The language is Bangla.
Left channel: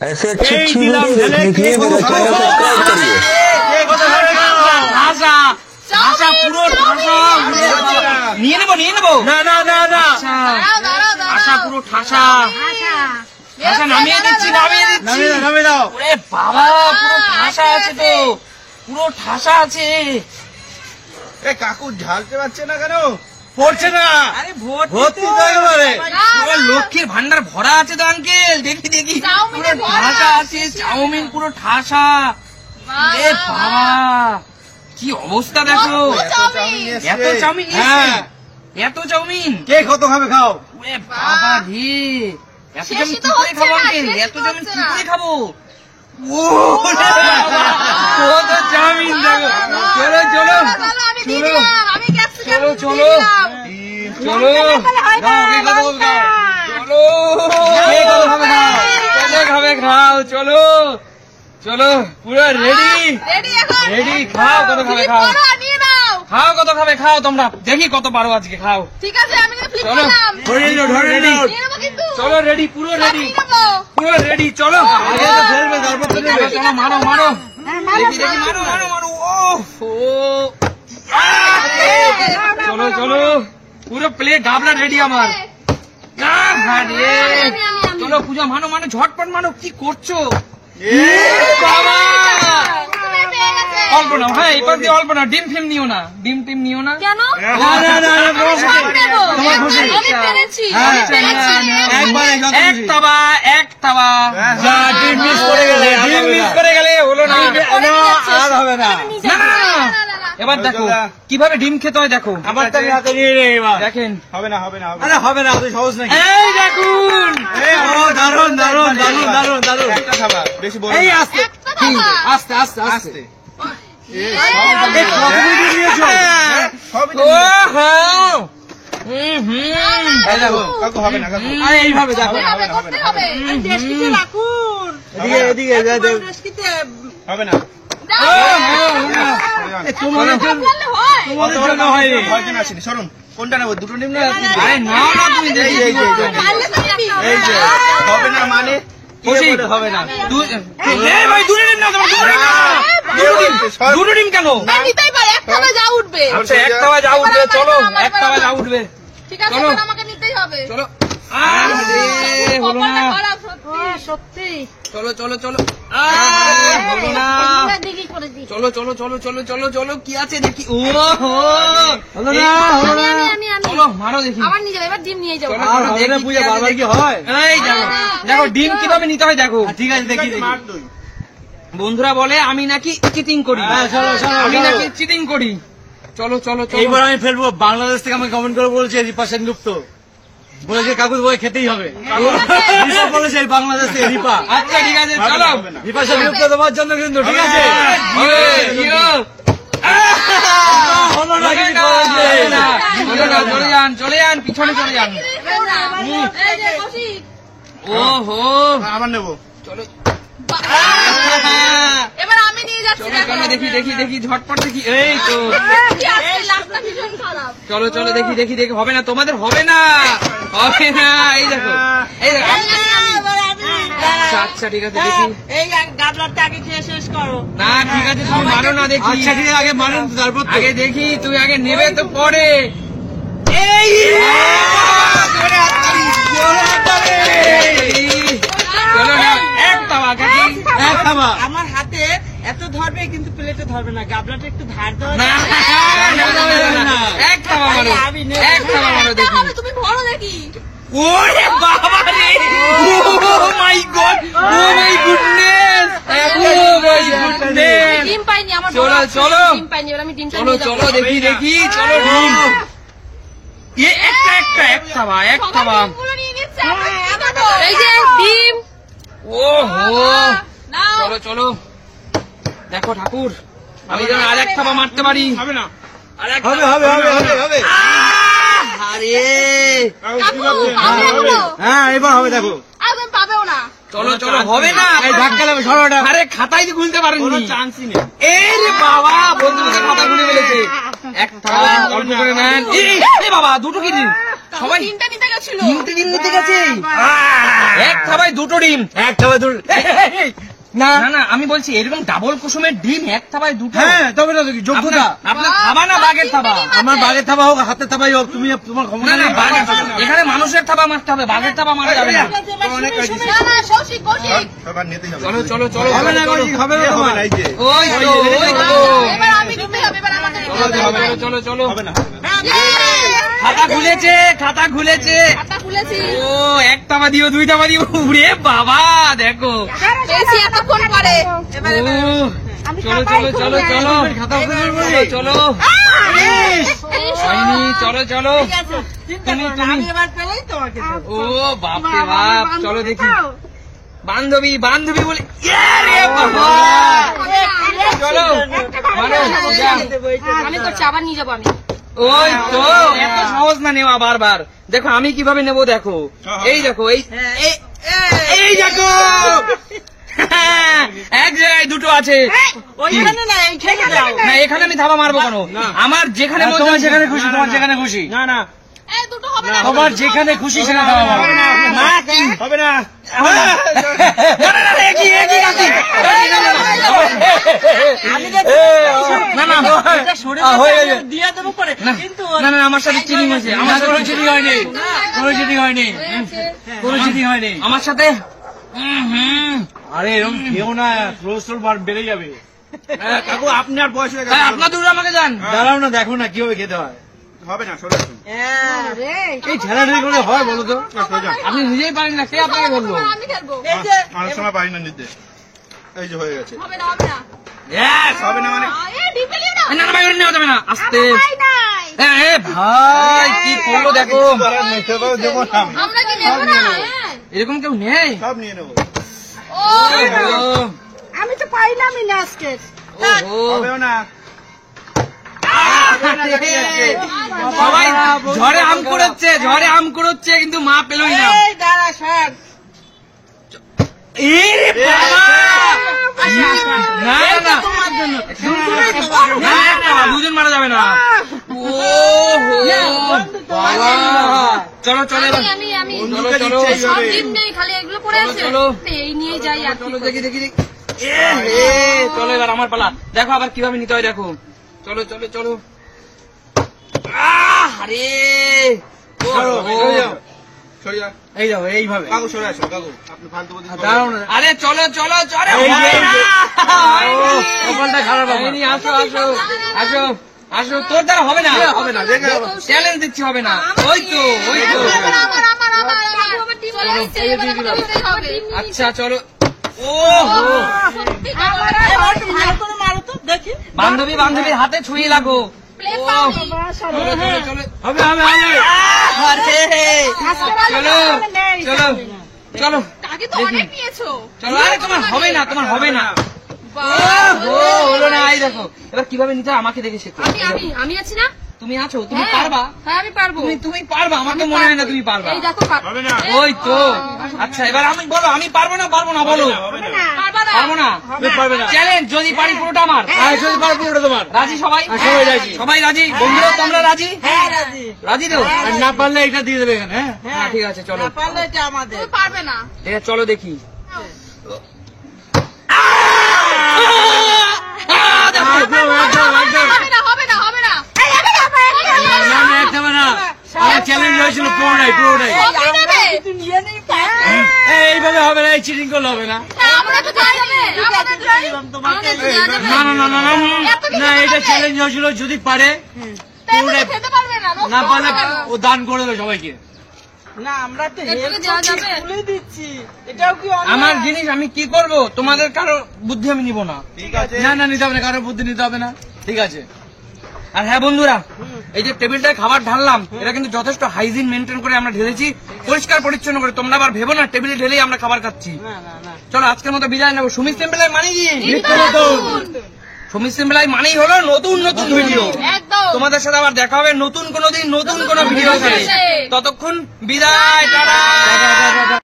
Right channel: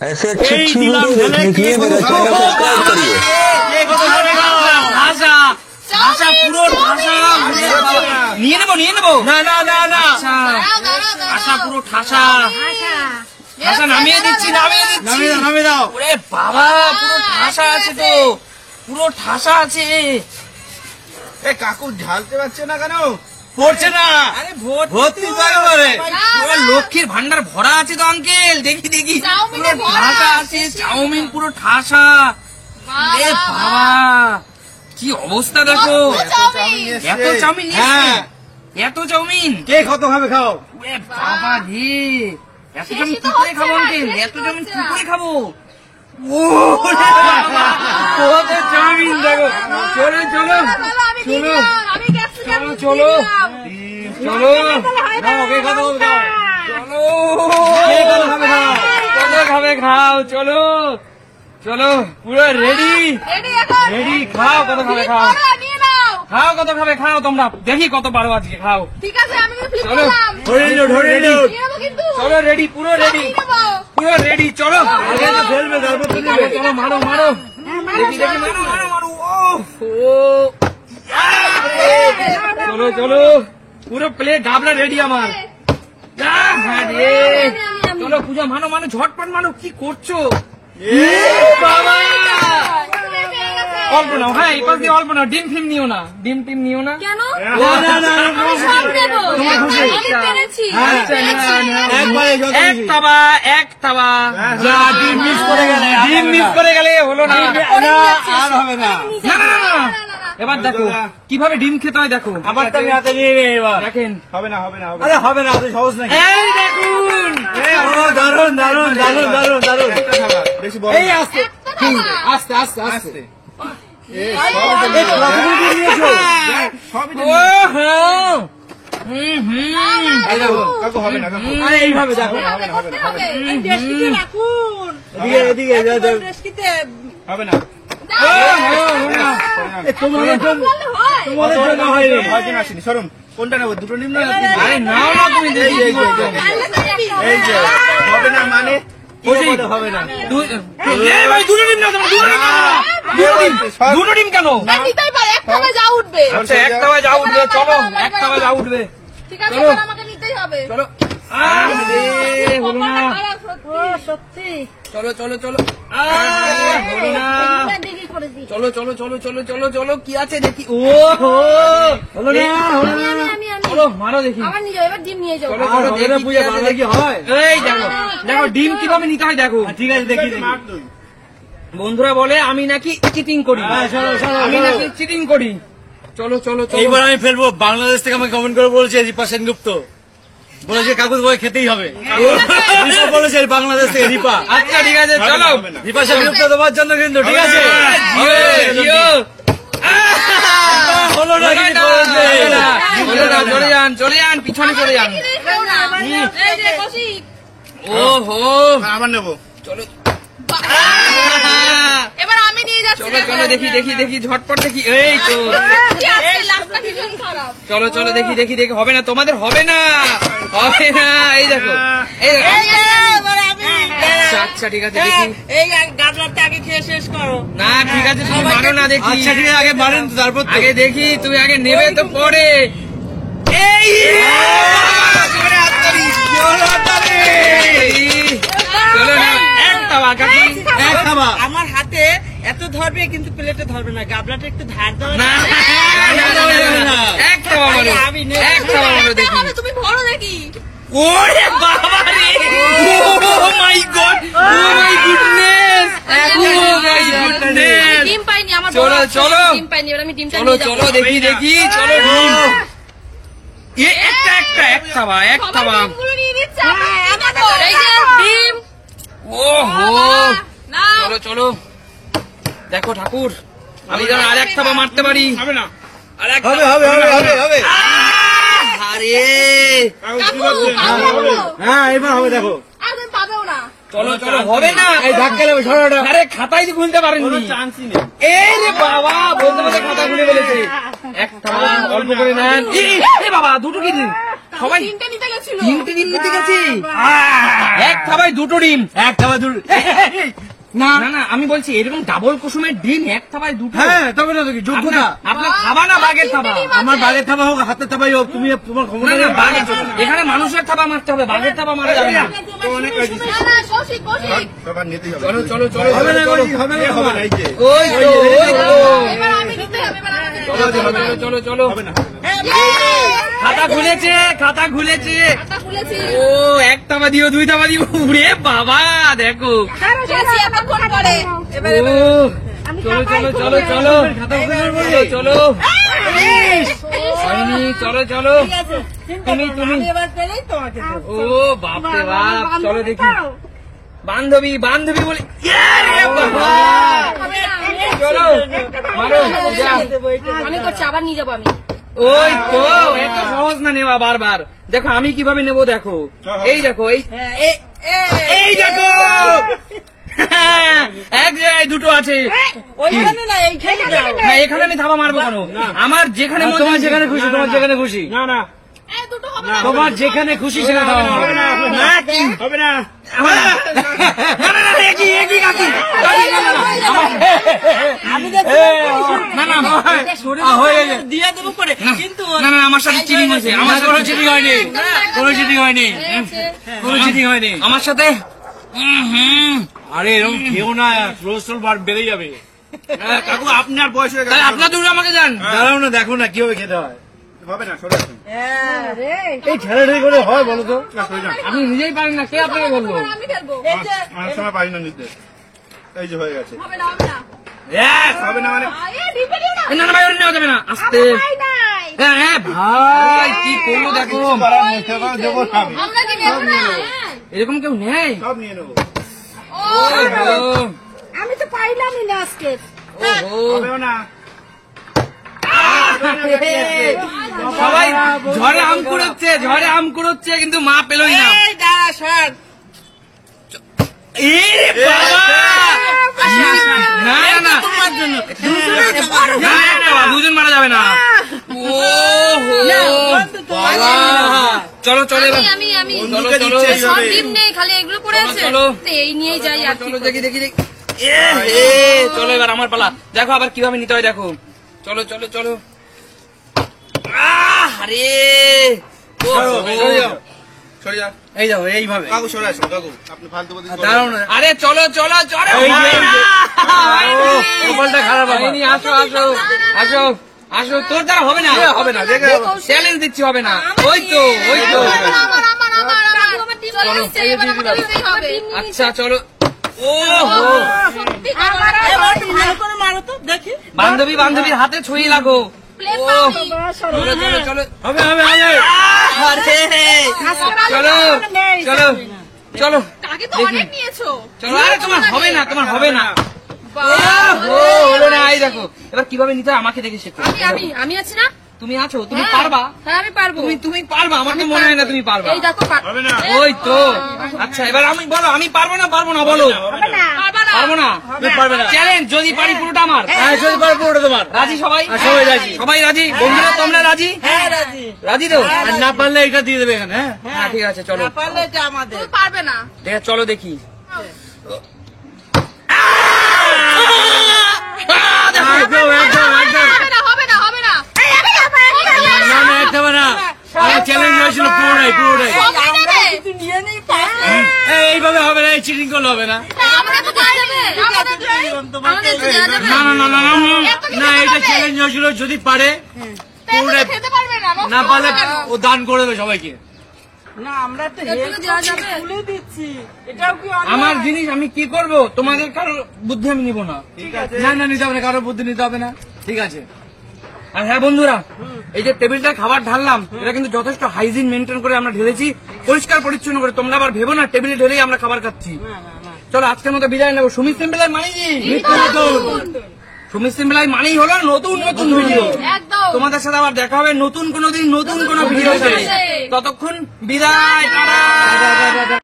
ऐसे अच्छी अच्छी वीडियो देखने के लिए मेरा चैनल सब्सक्राइब करिए। ঠাসা পুরো ঠাসা নিয়ে নেবো না ঠাসা পুরো ঠাসা ঠাসা নামিয়ে দিচ্ছি নামিয়ে দাও। ওরে বাবা পুরো ঠাসা আছে তো, পুরো ঠাসা আছে। কাকু ঢালতে পারছে না কেন? পড়ছে না। আরে ভর্তি তো একেবারে লক্ষ্মীর ভান্ডার ভরা আছে তো আঙ্কেল। দেখি পুরো ঠাসা আছে, চাউমিন পুরো ঠাসা। এ বাবা কি অবস্থা দেখো, এত চাউমিন। হ্যাঁ এত চাউমিন কে কত ভাবে খাও? ওরে বাবা রে, এত চাউমিন কি করে খাবো আঙ্কেল? এত চাউমিন কি করে খাবো? কত চাউমিন দেখো। চলো চলো চলো চলো চলো চলো চলো খাবে খাও। চলো চলো পুরো রেডি খাও। কত খাবে খাও, কত খাবে খাও তোমরা। দেখি কত পারো আজকে, খাও। চলো চলো রেডি, পুরো রেডি চলো চলো মারো দেখি মারো। চলো চলো পুরো প্লেট গাবলা রেডি আমার। চলো পূজা মানো ঝটপট মানো। কি করছো বাবা? অল্প নাও। হ্যাঁ এই পাশ দিয়ে অল্প নাও। ডিম ফিম নিও না, ডিম টিম নিও না। এক তাবা ডিম মিস করে গেলে হলো না। আর হবে না। এবার দেখো কিভাবে ডিম খেতে হয়। দেখো আবার তো আমি হাতে নিয়ে নেই। এবার দেখেন। হবে না হবে না, তুই সহজ নাকি? এই দেখুন দারুন বেশি বড়। এই আস্তে আস্তে এইভাবে দেখো। এদিকে হবে না। তোমাদের জন্য হয়নি। ভয়জন আসেনি। সরুন, কোনটা নেবো? দুটো নিম না? আরে নাও না তুমি। এই যে হবে না মানে হবে না। দুটো ডিম কেন? আচ্ছা এক তাওয়া যা উঠবে। চলো এক তাওয়া যা উঠবে। চলো হলো না। চলো চলো চলো হলো না। চলো কি আছে দেখি। ও হো হলো না। চলো মারো দেখি। এই দেখো ডিম কিভাবে নিতে হয় দেখো। ঠিক আছে দেখি। বন্ধুরা বলে আমি নাকি চিটিং করি, চলো চলো চলো। এইবার আমি ফেলবো। বাংলাদেশ থেকে আমাকে কমেন্ট করে বলছে রিপা সেনগুপ্ত, বলেছে কাকুর বই খেতেই হবে। বলেছে বাংলাদেশ থেকে রিপা। আচ্ছা ঠিক আছে চলো। রিপা সেনগুপ্ত তোমার জন্য কিন্তু। ঠিক আছে হলো না। চলে যান পিছনে চলে যান। ও হো আবার নেবো। চলো এবার আমি নিয়ে যাচ্ছি। চলো দেখি ঝটপট দেখি। এই তো চলো দেখি হবে না, তোমাদের হবে না। এই দেখো আচ্ছা ঠিক আছে দেখি। এই গাবলাটা আগে খেয়ে শেষ করো। না ঠিক আছে তুমি মানো না দেখি। আচ্ছা ঠিক আছে আগে মানেন তো, তারপর আগে দেখি। তুমি আগে নেবে তো পরে। এই চলো না এক তাওয়া কাকি, এক তাওয়া। আমার হাতে এত ধরবে কিন্তু প্লেটে ধরবে না। গাবলাটা একটু ধার দাও। এক তাওয়া মারো, এক তাওয়া মারো দেখি। তুমি ধরো দেখি। ওরে বাবা রে, oh my god, oh my goodness, oh my goodness. ডিম পাইনি আমার। চলো ডিম পাইনি। এবার আমি ডিমটা চলো চলো দেখি চলো ডিম। এক তাওয়া ডিম। ও হো চলো চলো। দেখো ঠাকুর আমি যেন আর এক থাবা মারতে পারি। হবে না। হবে। আরে হ্যাঁ এবার হবে। দেখো চলো হবে না। এই ধাক্কা লাগবে সবাইটা। আরে খাতাই তো খুলতে পারেননি। চান্সই নেই। এই রে বাবা, বন্ধু বান্ধব খাতা খুলে বলেছে। এক থাবা অল্প করে নেন। এই বাবা দুটো কি দিন সবাই। তিনটা নিতে গেছো। ছিল। 3টে ডিম নিতে গেছে। এক থাবায় 2টো ডিম। এক খাবার দূর না না না, আমি বলছি এরকম ডাবল কুসুমের ডিম এক থাবায় 2টো। হ্যাঁ তবে না কি যোগ্যতা আপনার থাবা না বাঘের থাবা? আমার বাঘের থাবা হোক হাতের থাবাই হোক তুমি তোমার ক্ষমতা না, না, নেই। বাঘের থাবা। এখানে মানুষের থাবা মারতে হবে, বাঘের থাবা মারা যাবে না। চলো চলো চলো হবে না চলো, হবে না হবে না এই যে ওই তো ওই তো। চলো চলো চলো, খাতা খুলেছে, খাতা খুলেছে। ও এক থাবা দিও, 2 থাবা দিও। উড়ে বাবা দেখো। ও, চলো চলো চলো চলো চলো চলো, হয়নি, চলো চলো। তুমি তুমি আমি এবার পেলেই তোমাকে দেবো। ও বাপরে বাপ, চলো দেখি। বান্ধবী বান্ধবী বলে ইয়ে রে বাবা। চলো মারো, যা। আমি করছি, আবার নিয়ে যাবো আমি। ওই তো, এত সহজ না নেওয়া বারবার। দেখো আমি কিভাবে নেবো, দেখো এই দেখো, এই দেখো, এক জায়গায় 2টো আছে। ওইখানে না, এইখানে দাও। না, এখানে আমি থাবা মারবো কেন? আমার যেখানে মন তোমার চায় যেখানে খুশি তোমার যেখানে খুশি না না তোমার যেখানে খুশি সেখানে থাবা মারো। না কি হবে না না না না, একই একই একই। না না হয়ে যায় দিয়ে দেবো পরে, না, কিন্তু না না, আমার সাথে চিটিং হয়েছে, আমার আমার কোনো সাথে চিটিং হয়নি কোনো চিটিং হয়নি কোনো চিটিং হয়নি আমার সাথে আরে এরকম খেও না কোলেস্ট্রল বেড়ে যাবে কাকু আপনার বয়স হয়ে তাই আপনার দূরে আমাকে যান। দাঁড়াও না দেখো না কিভাবে খেতে হয় হবে না সরে আসুন এই ঠেলাঠেলি করে হয় বলো তো না, সরে যান। আপনি নিজেই পারেন না, কে আপনাকে বললো? আমি খেলবো। অনেক সময় পারি না নিতে এই যে হয়ে গেছে হবে না, হবে না। হবে না মানে ডিপে দিও না। না না ভাই, নেওয়া যাবে না, আস্তে। ভাই নাই। ভাই কি করলো দেখো, করার নেই, সবাই যেমন আমি। আমরা কি নেবো না? এরকম কেউ নেই। সব নিয়ে নেবো ও, আমি তো পাইলামই না আজকে। হবেও না সবাই ঝড়ে আম কুড়োচ্ছে, ঝড়ে আম কুড়োচ্ছে, কিন্তু মা পেলই না। এই দাঁড়া সর। এরে বাবা! না না তোমার জন্য না, না, 2জন মারা যাবে না। ও হো বাবা। চলো চলো এবার, আমি চলো চলো সব ডিম নেই, খালি এগুলো পড়ে আছে। চলো। তো এই নিয়েই যাই আর কি চলো করবো। দেখি দেখি দেখি। চলো এবার আমার পালা, দেখো আবার কিভাবে নিতে হয় দেখো। চলো চলো চলো। আরে ও, সরে যাও। সরে যা এই যাও এইভাবে কাকু সরে আসুন কাকু আপনি ফালতু বলতে দাঁড়াও না আরে চলো চলো চলো। এই যে, এই যে। হয়নি। কপালটা খারাপ আমার। হয়নি, আসো আসো আসো আসো, তোর দ্বারা হবে না, হবে না দেখে চ্যালেঞ্জ দিচ্ছি, হবে না। ওই তো ওই তো, আমার ডিম লাগছে, এবার আমার ডিম হবে। আচ্ছা চলো। ও হো, আমার একটু ভালো করে মারো তো দেখি। বান্ধবী বান্ধবীর হাতে ছুঁয়ে লাগো। প্লেট ও, পাও। চলো চলো চলো। হবে হবে হবে চলো চলো চলো আগে তো দেখি। অনেক নিয়েছো। চলো, আরে তোমার হবে না, তোমার হবে না। ও হলো না, এই দেখো এবার কিভাবে নিতে হয় আমাকে দেখে শেখো। আমি আছি না? তুমি আছো, তুমি হ্যাঁ। পারবা, হ্যাঁ, আমি পারবো। তুমি পারবা, আমার তো মনে হয় না তুমি পারবা। এই দেখো হবে না ওই তো, আচ্ছা এবার আমি বলো, আমি পারবো না বলো। পারবো না, পারবে না চ্যালেঞ্জ, যদি পারি পুরোটা আমার। আর যদি পারবো ওটা তোমার রাজি সবাই? আর সবাই রাজি। সবাই রাজি? বন্ধুরা তোমরা রাজি? হ্যাঁ রাজি। রাজি তো? আর না পারলে এটা দিয়ে দেবে এখানে হ্যাঁ হ্যাঁ ঠিক আছে চলো, না পারলে এটা আমাদের। পারবে না। ঠিক আছে চলো দেখি। একদম একদম একদম হবে না, হবে না। এই, হবে না, হবে না, হবে না। না না একদম না আমার চ্যালেঞ্জ না ছিল পুরোটাই পুরোটাই সবই দেবে। তুই নিয়ে নেই পাস। এইভাবে হবে না এই চিটিং করলে হবে না না, আমাদের তো দেওয়া যাবে। আমাদের তো তোমাকে দেওয়া যাবে। না না না না না, এত কিছু না এটা হবে। চ্যালেঞ্জ হয়েছিল যদি পারে তাহলে তো খেতে পারবে না, নষ্ট না পারলে হবে না। ও দান করে দেবে সবাইকে না আমরা তো একটু হেল্প দেওয়া করছি, যাবে। খুলে দিচ্ছি। এটাও কি অন্যায়? আমার জিনিস আমি কি করব, তোমাদের কারো বুদ্ধি আমি নিব না। ঠিক আছে না না নিতে হবে না কারো বুদ্ধি নিতে হবে না ঠিক আছে আর হ্যাঁ বন্ধুরা, এই যে টেবিলটায় খাবার ঢাললাম, এটা কিন্তু যথেষ্ট হাইজিন মেনটেন করে আমরা ঢেলেছি, পরিষ্কার পরিচ্ছন্ন করে। তোমরা আবার ভেবো না টেবিলে ঢেলেই আমরা খাবার খাচ্ছি। না না না চলো আজকের মতো বিদায় নেবো। সুমিত সেম্বেলায় মানি দিয়ে, সুমিত সেম্বেলায় মানেই হলো নতুন নতুন ভিডিও। একদম। তোমাদের সাথে আবার দেখা হবে নতুন কোনো দিন নতুন কোনো ভিডিও। ততক্ষণ বিদায়, টাটা।